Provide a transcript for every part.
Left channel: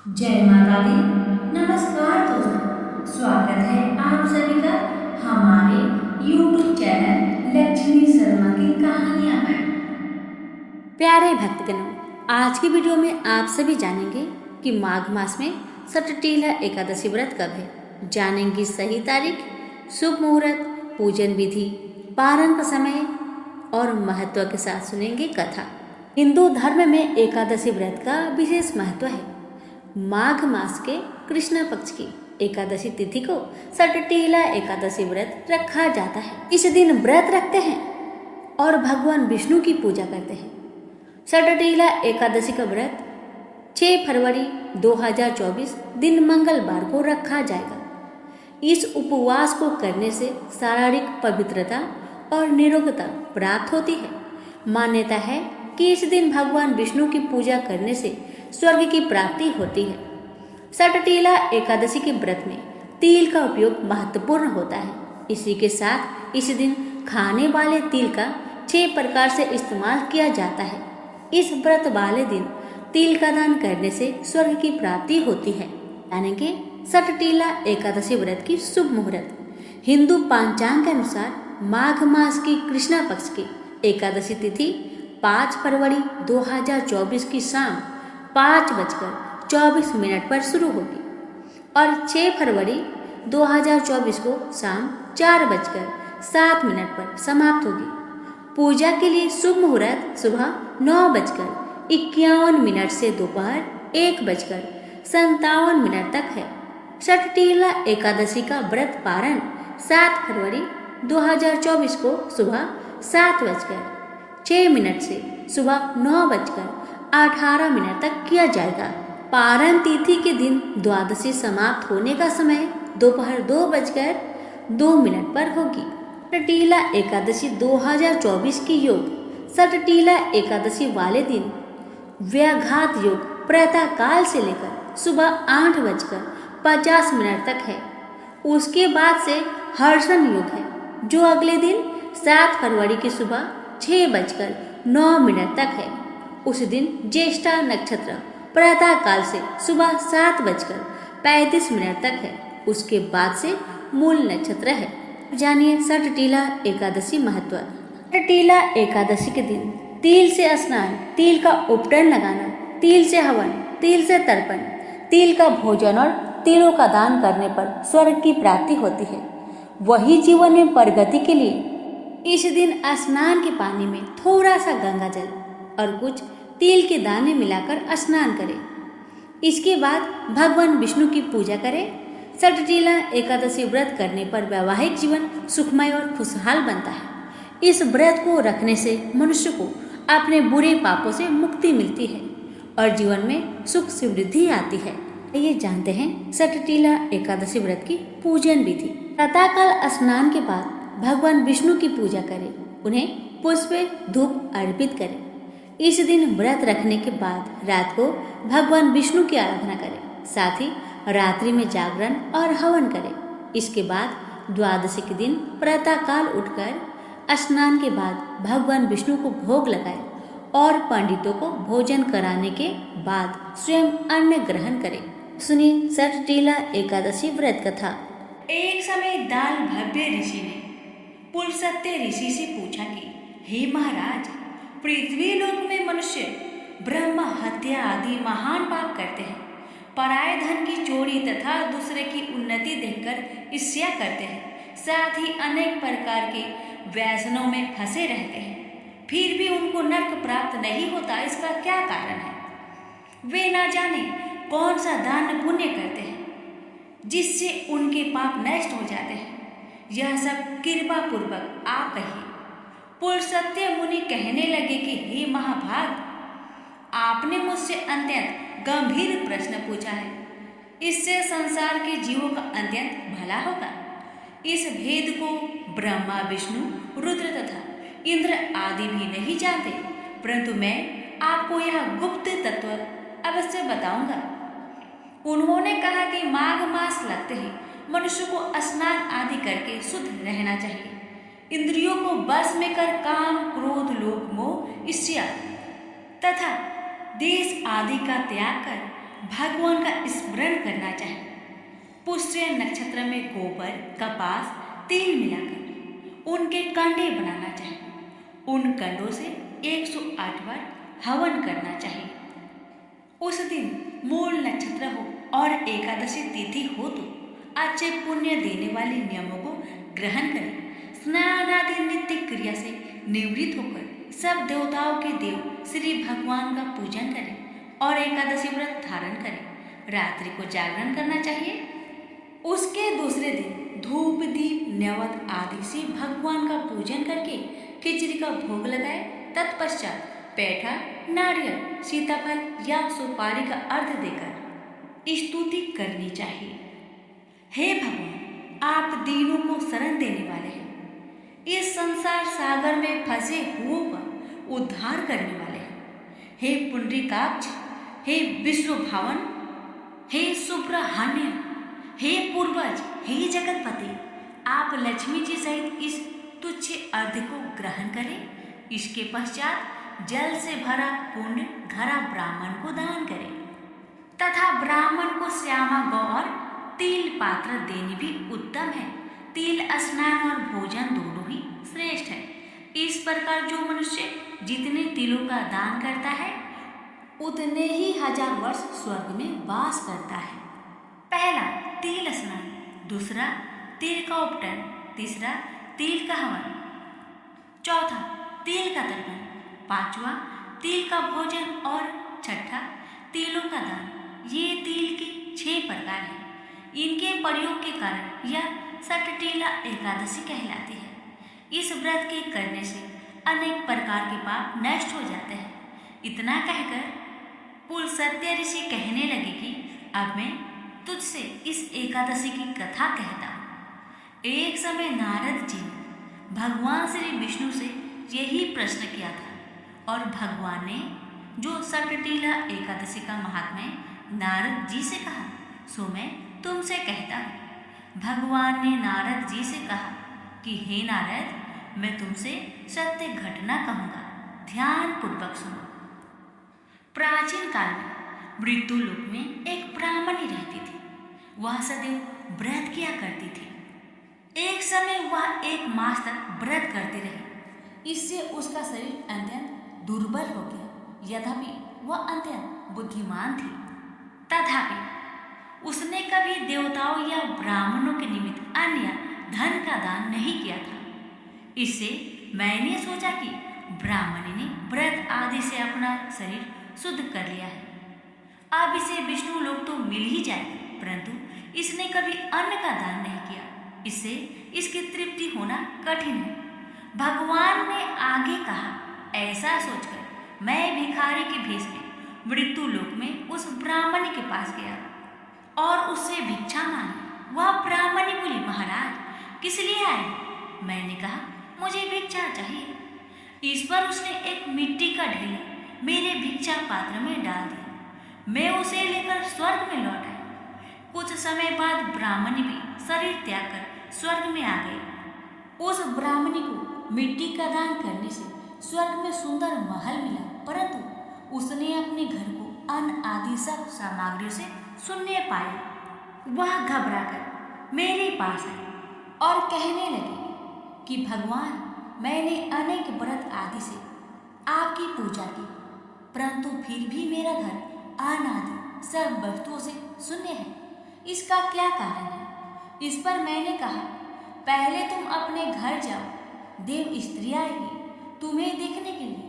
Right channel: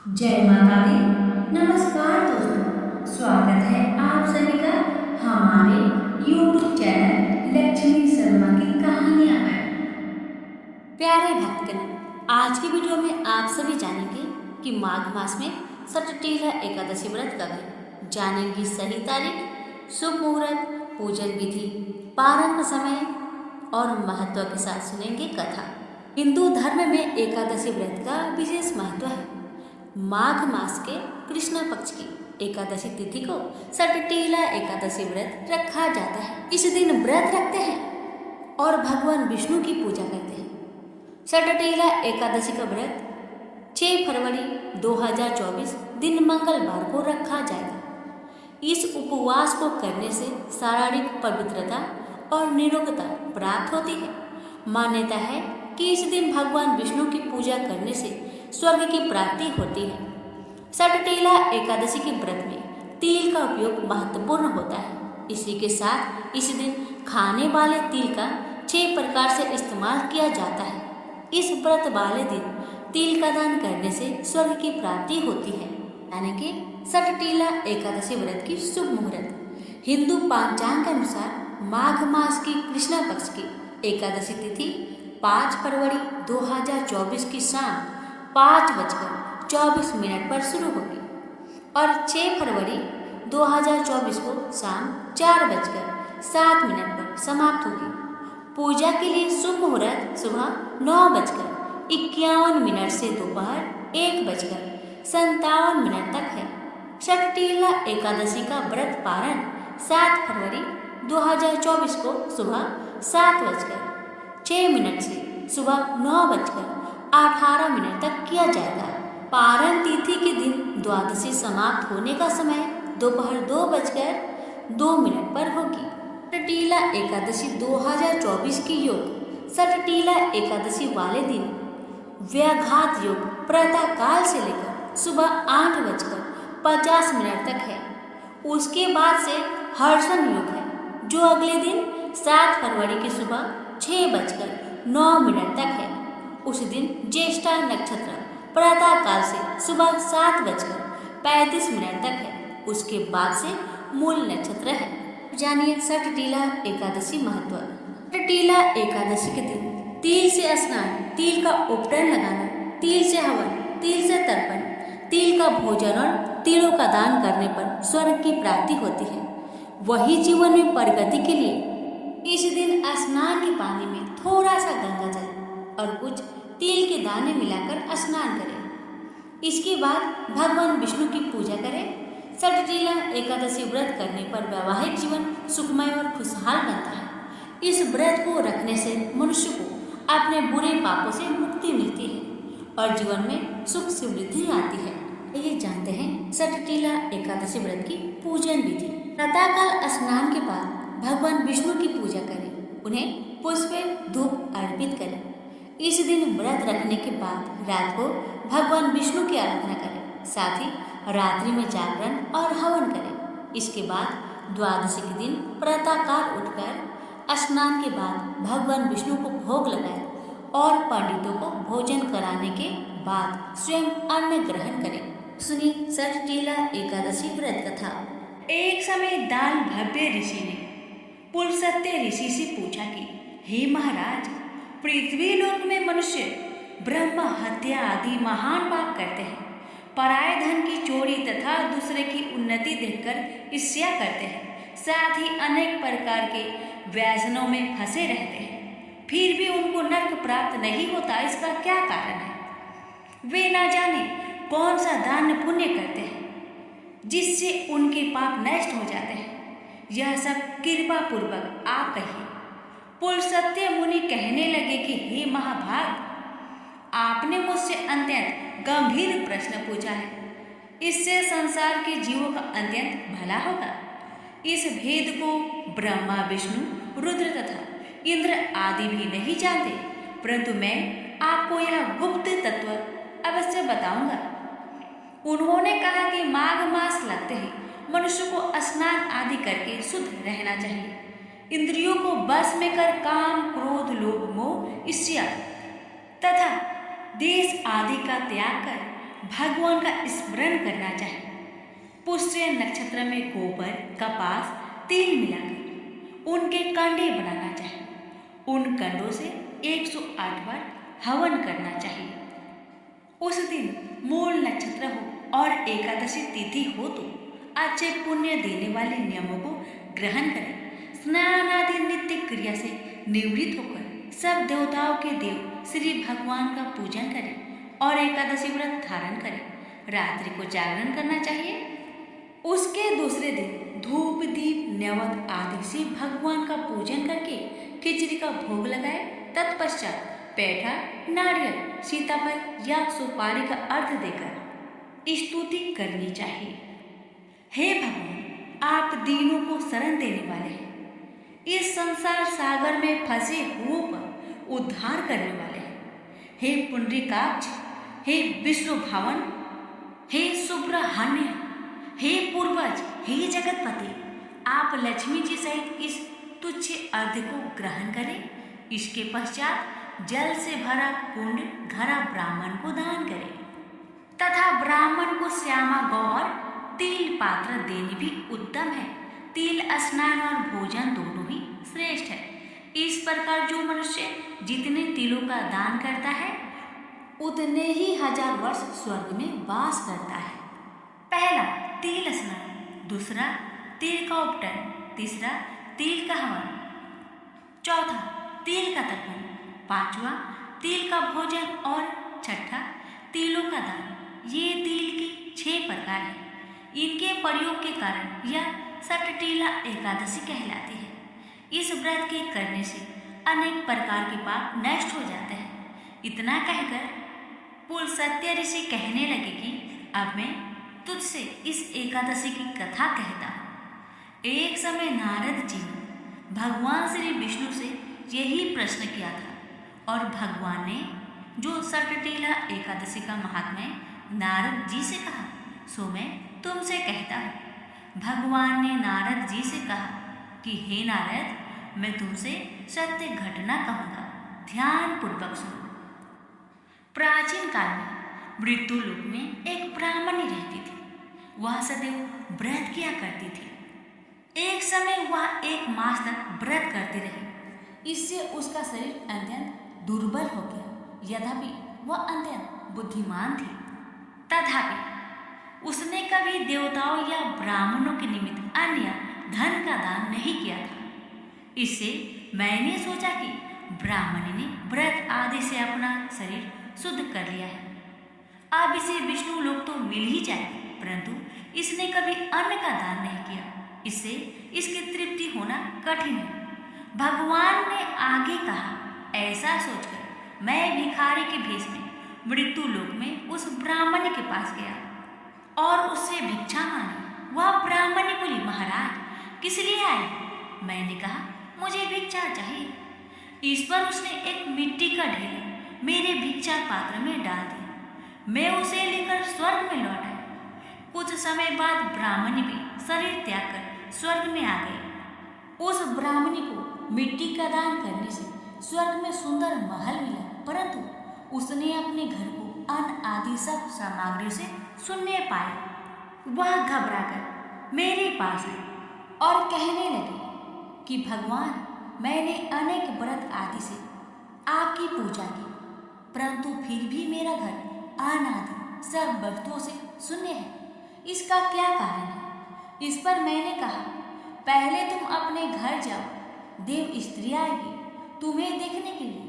जय माता दी। नमस्कार दोस्तों, स्वागत है आप सभी का हमारे YouTube चैनल लक्ष्मी शर्मा की कहानियां पर। प्यारे भक्तगण, आज की वीडियो में आप सभी जानेंगे कि माघ मास में सटटीला एकादशी व्रत कब है। जानेंगे सही तारीख, शुभ मुहूर्त, पूजन विधि, पारण का समय और महत्व के साथ सुनेंगे कथा। हिंदू धर्म में एकादशी व्रत का विशेष महत्व है। माघ मास के कृष्ण पक्ष की एकादशी तिथि को सटटीला एकादशी व्रत रखा जाता है। इस दिन व्रत रखते हैं और भगवान विष्णु की पूजा करते हैं। सटटीला एकादशी का व्रत 6 फरवरी 2024 दिन मंगलवार को रखा जाएगा। इस उपवास को करने से शारीरिक पवित्रता और निरोगता प्राप्त होती है। मान्यता है कि इस दिन भगवान विष्णु की पूजा करने से स्वर्ग की प्राप्ति होती है। सटटीला एकादशी के व्रत में तिल का उपयोग महत्वपूर्ण होता है। इसी के साथ इस दिन खाने वाले तिल का 6 प्रकार से इस्तेमाल किया जाता है। इस व्रत वाले दिन तिल का दान करने से स्वर्ग की प्राप्ति होती है। यानी कि सटटीला एकादशी व्रत की शुभ मुहूर्त। हिंदू पंचांग के अनुसार माघ मास की कृष्ण पक्ष की एकादशी तिथि 5 फरवरी 2024 की शाम 5:24 पर शुरू होगी और 6 फरवरी 2024 को शाम 4:07 पर समाप्त होगी। पूजा के लिए शुभ मुहूर्त सुबह 9:51 से दोपहर 1:57 तक है। सटटीला एकादशी का व्रत पारण 7 फरवरी 2024 को सुबह 7:06 से सुबह 9:18 तक किया जाएगा। पारण तिथि के दिन द्वादशी समाप्त होने का समय दोपहर 2:02 पर होगी। सटटीला एकादशी 2024 की योग। सटटीला एकादशी वाले दिन व्याघात योग प्रातः काल से लेकर सुबह 8:50 तक है। उसके बाद से हर्षण योग है जो अगले दिन 7 फरवरी की सुबह 6:09 तक है। उस दिन ज्येष्ठा नक्षत्र प्रातः काल से सुबह 7:35 तक है। उसके बाद से मूल नक्षत्र है। जानिए सटटीला एकादशी महत्व। सटटीला एकादशी के दिन तिल से स्नान, तिल का उपटन लगाना, तिल से हवन, तिल से तर्पण, तिल का भोजन और तिलों का दान करने पर स्वर्ग की प्राप्ति होती है। वही जीवन में प्रगति के लिए इस दिन स्नान के पानी में थोड़ा सा गंगा जल और कुछ तिल के दाने मिलाकर स्नान करें। इसके बाद भगवान विष्णु की पूजा करें। सटटीला एकादशी व्रत करने पर वैवाहिक जीवन सुखमय और खुशहाल बनता है। इस व्रत को रखने से मनुष्य को अपने बुरे पापों से मुक्ति मिलती है और जीवन में सुख समृद्धि आती है। ये जानते हैं सटटीला एकादशी व्रत की पूजन विधि। प्रातःकाल स्नान के बाद भगवान विष्णु की पूजा करें, उन्हें पुष्प धूप अर्पित करें। इस दिन व्रत रखने के बाद रात को भगवान विष्णु की आराधना करें, साथ ही रात्रि में जागरण और हवन करें। इसके बाद द्वादशी के दिन प्रातःकाल उठकर स्नान के बाद भगवान विष्णु को भोग लगाएं और पंडितों को भोजन कराने के बाद स्वयं अन्न ग्रहण करें। सुनिए सटटीला एकादशी व्रत कथा। एक समय दाल भव्य ऋषि ने पुलस्त्य ऋषि से पूछा कि हे महाराज, पृथ्वी लोक में मनुष्य ब्रह्म हत्या आदि महान पाप करते हैं, पराये धन की चोरी तथा दूसरे की उन्नति देखकर ईर्ष्या करते हैं, साथ ही अनेक प्रकार के व्यसनों में फंसे रहते हैं, फिर भी उनको नरक प्राप्त नहीं होता। इसका क्या कारण है? वे ना जाने कौन सा दान पुण्य करते हैं जिससे उनके पाप नष्ट हो जाते हैं। यह सब कृपा पूर्वक आप कहिए। पुलस्त्य मुनि कहने लगे कि हे महाभाग, आपने मुझसे अत्यंत गंभीर प्रश्न पूछा है। इससे संसार के जीवों का अत्यंत भला होगा। इस भेद को ब्रह्मा, विष्णु, रुद्र तथा इंद्र आदि भी नहीं जानते, परंतु मैं आपको यह गुप्त तत्व अवश्य बताऊंगा। उन्होंने कहा कि माघ मास लगते ही मनुष्य को स्नान आदि करके शुद्ध रहना चाहिए। इंद्रियों को बस में कर काम, क्रोध, लोभ, मोह, ईर्ष्या तथा देश आदि का त्याग कर भगवान का स्मरण करना चाहिए। पुष्य नक्षत्र में गोबर, कपास, तिल मिलाकर उनके कंडे बनाना चाहिए। उन कंडों से 108 बार हवन करना चाहिए। उस दिन मूल नक्षत्र हो और एकादशी तिथि हो तो अच्छे पुण्य देने वाले नियमों को ग्रहण करें। स्नान आदि नित्य क्रिया से निवृत्त होकर सब देवताओं के देव श्री भगवान का पूजन करें और एकादशी व्रत धारण करें। रात्रि को जागरण करना चाहिए। उसके दूसरे दिन धूप, दीप, नैवेद्य आदि से भगवान का पूजन करके खिचड़ी का भोग लगाए। तत्पश्चात पेठा, नारियल, सीताफल या सुपारी का अर्घ देकर स्तुति करनी चाहिए। हे भगवान, आप दीनों को शरण देने वाले हैं। इस संसार सागर में फंसे हुओं का उद्धार करने वाले हैं। हे पुंडरीकाक्ष, हे विष्णु भावन, हे सुब्रह्मण्य, हे पूर्वज, हे जगतपति, आप लक्ष्मी जी सहित इस तुच्छ अर्घ को ग्रहण करें। इसके पश्चात जल से भरा कुंड घड़ा ब्राह्मण को दान करें तथा ब्राह्मण को श्यामा गौ और तिल पात्र देने भी उत्तम है। तिल स्नान और भोजन दोनों ही श्रेष्ठ है। इस प्रकार जो मनुष्य जितने तिलों का दान करता है उतने ही 1000 वर्ष स्वर्ग में वास करता है। पहला तिल स्नान, दूसरा तिल का उपटन, तीसरा तिल का हवन, चौथा तिल का तर्पण, पांचवा तिल का भोजन और छठा तिलों का दान। ये तिल के 6 प्रकार हैं। इनके प्रयोग के कारण यह सटटीला एकादशी कहलाती है। इस व्रत के करने से अनेक प्रकार के पाप नष्ट हो जाते हैं। इतना कहकर पुलस्त्य ऋषि कहने लगे कि अब मैं तुझसे इस एकादशी की कथा कहता हूँ। एक समय नारद जी ने भगवान श्री विष्णु से यही प्रश्न किया था और भगवान ने जो सटटीला एकादशी का महात्म्य नारद जी से कहा सो मैं तुमसे कहता हूँ। भगवान ने नारद जी से कहा कि हे नारद, मैं तुमसे सत्य घटना कहूँगा, ध्यान पूर्वक सुनो। प्राचीन काल में मृत्यु लोक में एक ब्राह्मणी रहती थी। वह सदैव व्रत किया करती थी। एक समय वह 1 मास तक व्रत करती रही। इससे उसका शरीर अत्यंत दुर्बल हो गया। यद्यपि वह अत्यंत बुद्धिमान थी, तथापि उसने कभी देवताओं या ब्राह्मणों के निमित्त अन्य धन का दान नहीं किया था। इससे मैंने सोचा कि ब्राह्मणी ने व्रत आदि से अपना शरीर शुद्ध कर लिया है। अब इसे विष्णु लोक तो मिल ही जाएगा, परंतु इसने कभी अन्न का दान नहीं किया। इससे इसकी तृप्ति होना कठिन है। भगवान ने आगे कहा, ऐसा सोचकर मैं भिखारी के भेष में मृत्यु लोक में उस ब्राह्मणी के पास गया और उससे भिक्षा मांगी। वह ब्राह्मणी बोली, महाराज किस लिए आए हो? मैंने कहा, मुझे भिक्षा चाहिए। इस पर उसने एक मिट्टी का ढेला मेरे भिक्षा पात्र में डाल दिया। मैं उसे लेकर स्वर्ग में लौट आई। कुछ समय बाद ब्राह्मणी भी शरीर त्याग कर स्वर्ग में आ गई। उस ब्राह्मणी को मिट्टी का दान करने से स्वर्ग में सुंदर महल मिला, परंतु उसने अपने घर को अन्न आदि सब सामग्रियों से शून्य पाया। वह घबराकर मेरे पास आई और कहने लगी कि भगवान, मैंने अनेक व्रत आदि से आपकी पूजा की, परंतु फिर भी मेरा घर अन्न आदि सब वस्तुओं से शून्य है। इसका क्या कारण है? इस पर मैंने कहा, पहले तुम अपने घर जाओ, देव स्त्री आएगी तुम्हें देखने के लिए।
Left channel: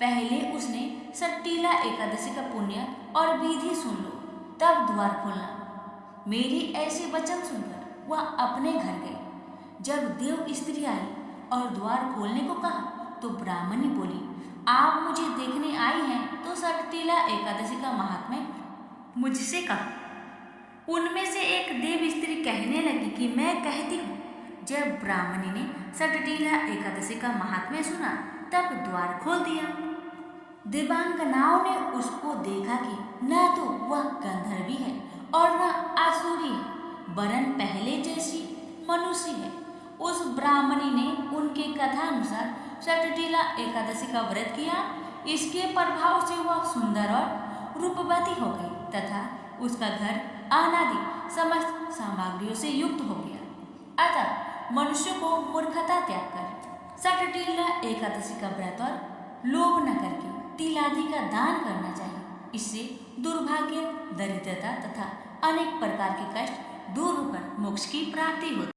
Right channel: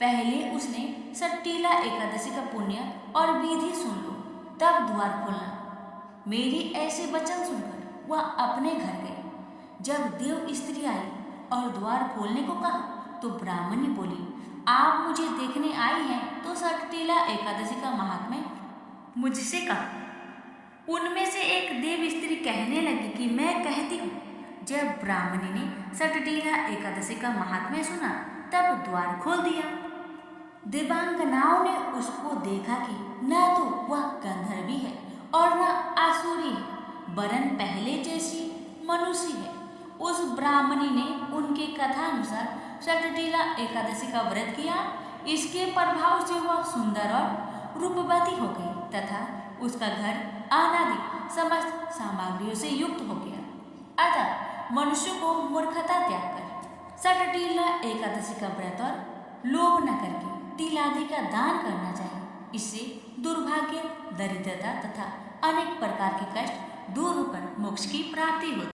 पहले उसने सट्टीला एकादशी का पुण्य और विधि सुन लो, तब द्वार खोलना। मेरी ऐसे वचन सुनकर वह अपने घर गई। जब देव स्त्री आई और द्वार खोलने को कहा तो ब्राह्मणी बोली, आप मुझे देखने आई हैं तो सट्टीला एकादशी का महात्म्य मुझसे कहो। उनमें से एक देव स्त्री कहने लगी कि मैं कहती हूँ। जब ब्राह्मणी ने सट्टीला एकादशी का महात्म्य सुना तब द्वार खोल दिया। देवांगनाओं ने उसको देखा कि न तो वह गंधर्वी है और न आसुरी है, वरन पहले जैसी मनुष्य है। उस ब्राह्मणी ने उनके कथा अनुसार सट्टीला एकादशी का व्रत किया। इसके प्रभाव से वह सुंदर और रूपवती हो गई। तथा उसका घर अनादि समस्त सामग्रियों से युक्त हो गया। अतः मनुष्य को मूर्खता त्याग कर सटटीला एकादशी का व्रत और लोभ न करके तिल आदि का दान करना चाहिए। इससे दुर्भाग्य, दरिद्रता तथा अनेक प्रकार के कष्ट दूर होकर मोक्ष की प्राप्ति होती है।